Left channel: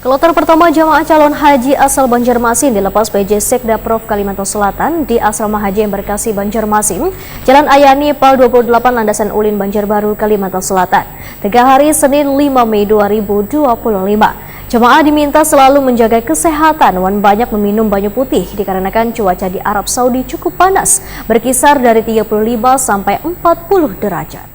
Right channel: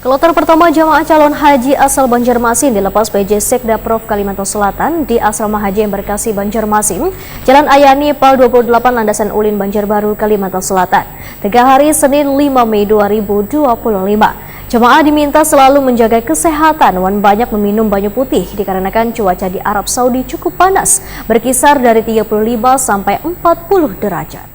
Kloter pertama jamaah calon haji asal Banjarmasin dilepas PJ Sekda Prof Kalimantan Selatan di Asrama Haji Embarkasi Banjarmasin, Jalan Ayani Pal 28 Landasan Ulin Banjarbaru, Kalimantan Selatan. 3 hari Senin 5 Mei 2025. Jemaah diminta selalu menjaga kesehatan dan banyak meminum banyu putih dikarenakan cuaca di Arab Saudi cukup panas, berkisar dari 35 sampai 40 derajat.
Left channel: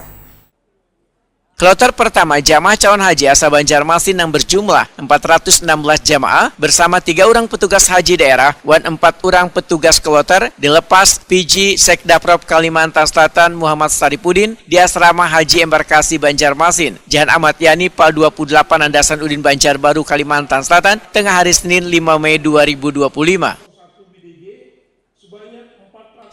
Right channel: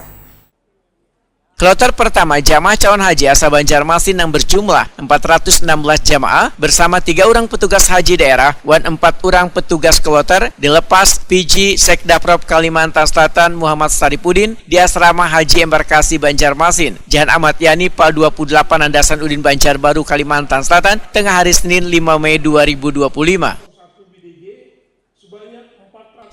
Kloter pertama jamaah calon haji asal Banjarmasin yang berjumlah 416 jamaah bersama 3 orang petugas haji daerah dan 4 orang petugas kloter dilepas PJ Sekda Prof Kalimantan Selatan Muhammad Sarifudin di Asrama Haji Embarkasi Banjarmasin, Jalan Ahmad Yani Pal 28 Landasan Ulin Banjarbaru, Kalimantan Selatan, tengah hari Senin 5 Mei 2025.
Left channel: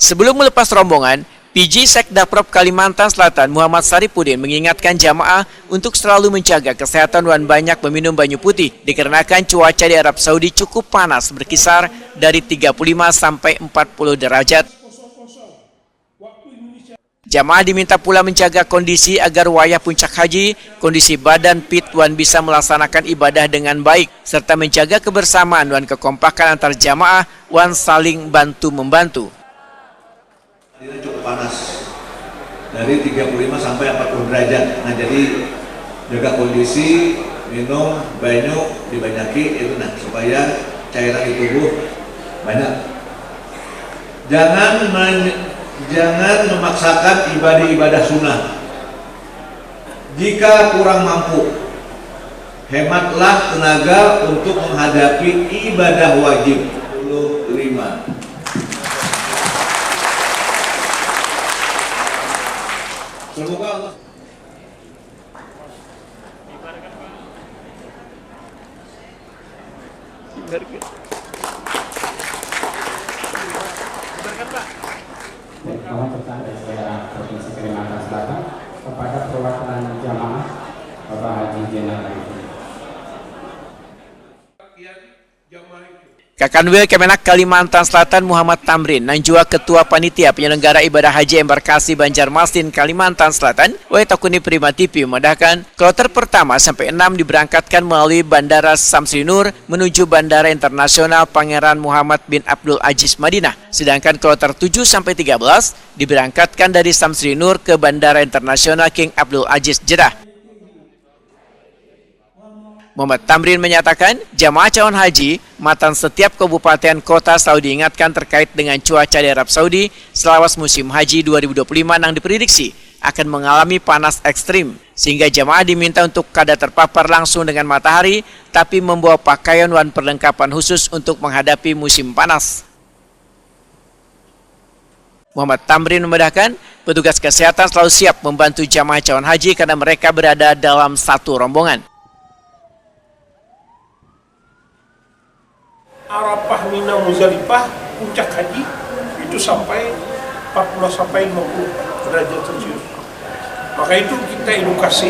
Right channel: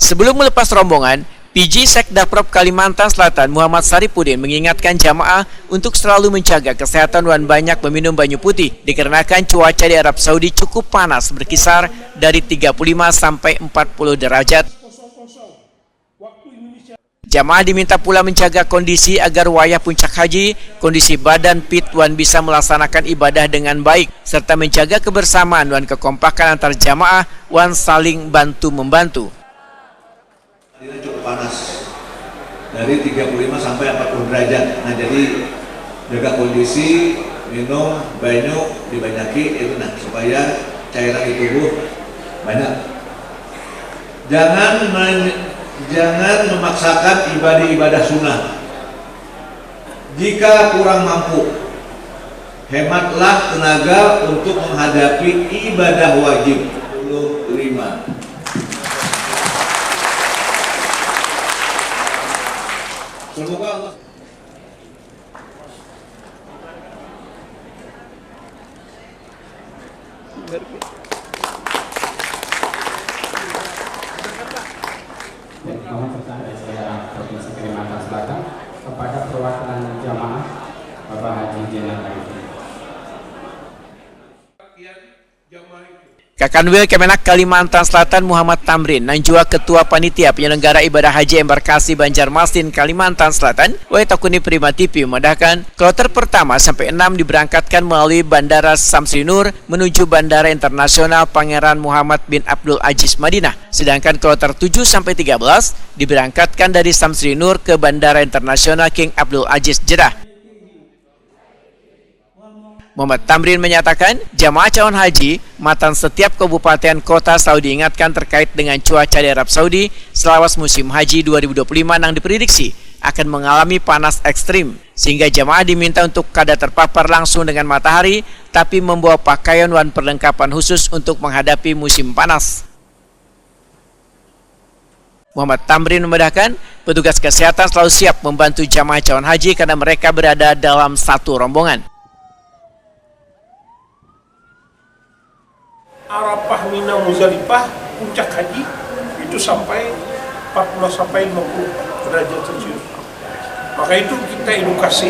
Sebelum melepas rombongan, PJ Sekda Prof Kalimantan Selatan Muhammad Sarifudin mengingatkan jamaah untuk selalu menjaga kesehatan dan banyak meminum banyu putih dikarenakan cuaca di Arab Saudi cukup panas, berkisar dari 35 sampai 40 derajat. Jamaah diminta pula menjaga kondisi agar wayah puncak haji, kondisi badan fit dan bisa melaksanakan ibadah dengan baik, serta menjaga kebersamaan dan kekompakan antar jamaah yang saling bantu-membantu. Ini cukup panas, dari 35 sampai 40 derajat. Nah, jadi jaga kondisi, minum banyak dibanyaki itu supaya cairan di tubuh banyak. Jangan memaksakan ibadah sunnah. Jika kurang mampu, hematlah tenaga untuk menghadapi ibadah wajib. 25. Semoga Allah. Mohon pertanyaan dari saudara Provinsi Kalimantan Selatan kepada perwakilan jamaah Bapak Haji Jenderal Arifin. Rekannya Kemenak Kalimantan Selatan Muhammad Tamrin dan juga Ketua Panitia Penyelenggara Ibadah Haji Embarkasi Banjarmasin Kalimantan Selatan yang Takuni Prima TV memandangkan kloter pertama sampai 6 diberangkatkan melalui Bandara Samtinur menuju Bandara Internasional Pangeran Muhammad bin Abdul Aziz Madinah, sedangkan kloter 7 sampai 13 diberangkatkan dari Samtinur ke Bandara Internasional Tun Abdul Aziz Jeddah. Muhammad Tamrin menyatakan jamaah calon haji matang setiap kabupaten kota Saudi ingatkan terkait dengan cuaca di Arab Saudi saat musim haji 2025 yang diprediksi akan mengalami panas ekstrim, sehingga jamaah diminta untuk pada terpapar langsung dengan matahari tapi membawa pakaian dan perlengkapan khusus untuk menghadapi musim panas. Muhammad Tamrin menambahkan petugas kesehatan selalu siap membantu jamaah calon haji karena mereka berada dalam satu rombongan. Arafah, Mina, Muzdalifah, puncak haji itu sampai 40 sampai 50 derajat Celcius. Maka itu kita edukasi,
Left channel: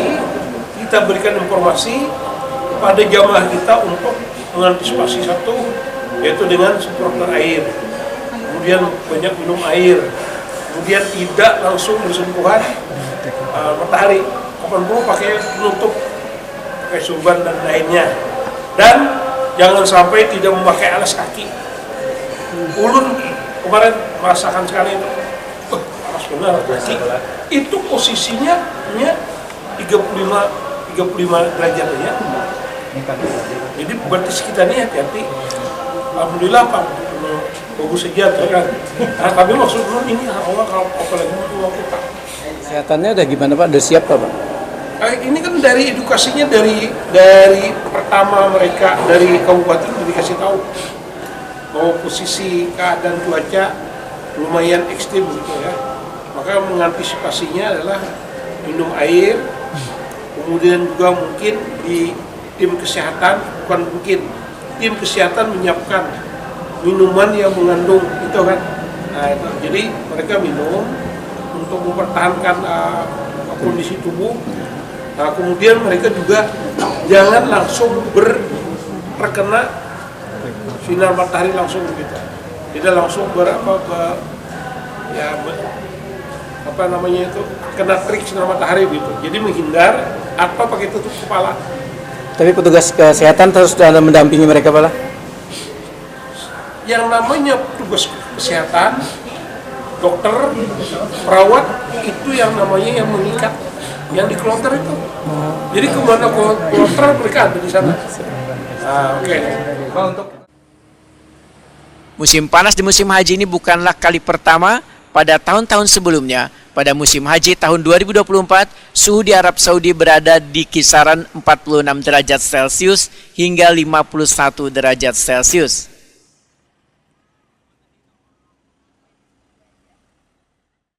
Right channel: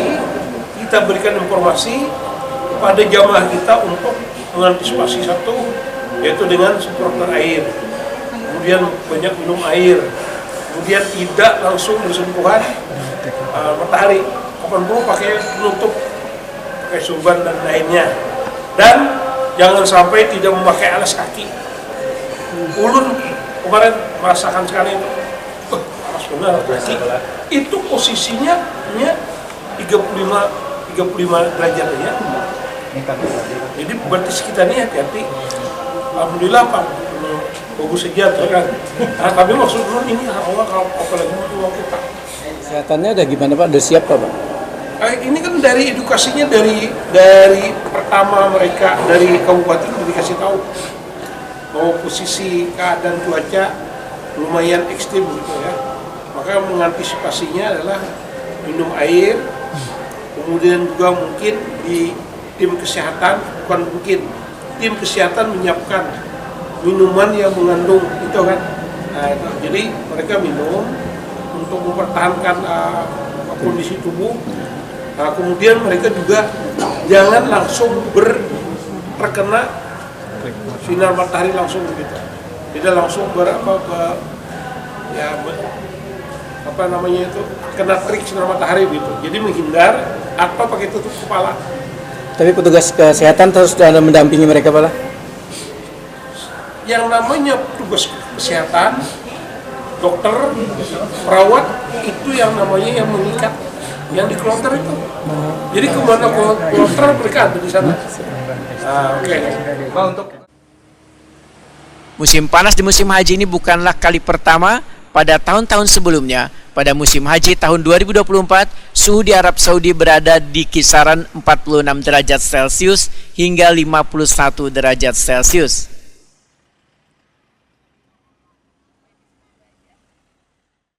kita berikan informasi kepada jamaah kita untuk mengantisipasi satu, yaitu dengan semprotan air, kemudian banyak minum air, kemudian tidak langsung bersentuhan matahari, kapan perlu pakai penutup, pakai surban dan lainnya, dan jangan sampai tidak memakai alas kaki. Ulun kemarin merasakan sekali itu, panas benar kaki. Itu posisinya 35 derajat ya. Jadi berarti sekitarnya hati-hati. Alhamdulillah Pak, bagus saja kan. Nah, tapi maksud dulu ini Allah kalau apalagi mau kita. Kesehatannya udah gimana Pak? Udah siap Pak? Ini kan dari edukasinya dari pertama mereka dari kabupaten dikasih tahu bahwa posisi keadaan cuaca lumayan ekstrim gitu ya. Maka mengantisipasinya adalah minum air, kemudian juga mungkin di tim kesehatan, bukan mungkin tim kesehatan menyiapkan minuman yang mengandung itu kan. Nah, itu. Jadi mereka minum untuk mempertahankan kondisi tubuh. Nah, kemudian mereka juga jangan langsung terkena sinar matahari langsung begitu. Tidak langsung kena terik sinar matahari gitu. Jadi menghindar atau pakai tutup kepala. Tapi petugas kesehatan terus ada mendampingi mereka Pak? Yang namanya petugas kesehatan, dokter, perawat, itu yang namanya yang mengikat, yang di kloter itu. Jadi kemana kloter mereka ada di sana. Oke. Pak, untuk Musim panas di musim haji ini bukanlah kali pertama. Pada tahun-tahun sebelumnya, pada musim haji tahun 2024, suhu di Arab Saudi berada di kisaran 46 derajat Celcius hingga 51 derajat Celcius.